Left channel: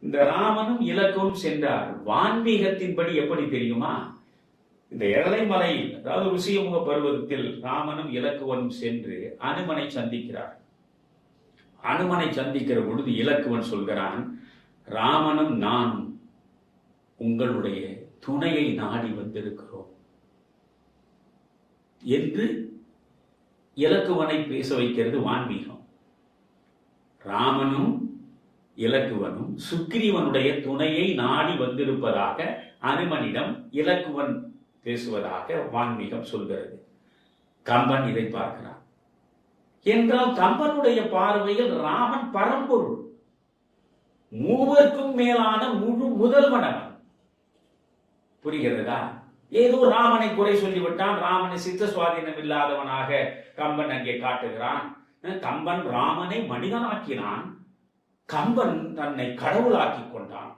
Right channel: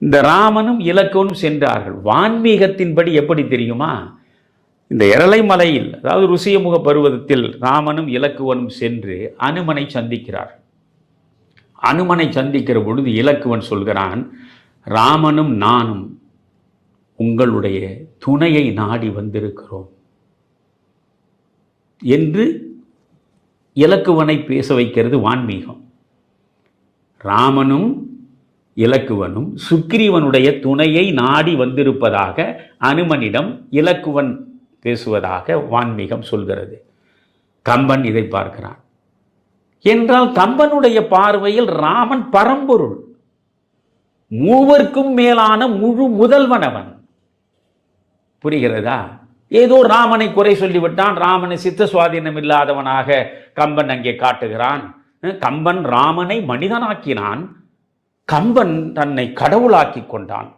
இந்த ராமனும் இலக்கனும் சென்றார்கள். வான்மீகத்தின்படி எப்படி தெரியுமா? இந்த எரளைமலையில் அதாவது ருசியமுக பருவதத்தில் ராமனும் இலக்குவனும் சென்று அனுமனை சந்திக்கிறார். அனுமனை சந்திக்கிற பொழுது இலக்குவன் சொல்கிறான் ராமனும் நானும் உங்களுடைய துணையை நாடி வந்திருக்கிறோம் என்று இலக்குவனை பேச வைக்கிறது வான்மீகம். ராமனும் இலக்குவனும் சுக்கிரீவனுடைய துணையை நாடி வந்திருப்பதாக அனுமனிடம் இலக்குவன் பேசுவதாக வான்மீகம் சொல்கிறது. கம்பன் இதை பார்க்கிறான். என்றால் கம்பனுடைய பார்வையில் ராமன் பரம்பொருள். மூவர்க்கும் மேலான முழு முதல்வனவன். புரிகிறதா? ஏதோ ராமனை குறை சொல்லிவிட்டான் ராமனை சித்த சுவாதீனம் இல்லாதவனாக கம்பன் அங்கே காட்டுகிறான். கம்பன் ராமனை மனிதனாக்கினான். கம்பன் தன்னை கடவுளாக்கி கொண்டான்.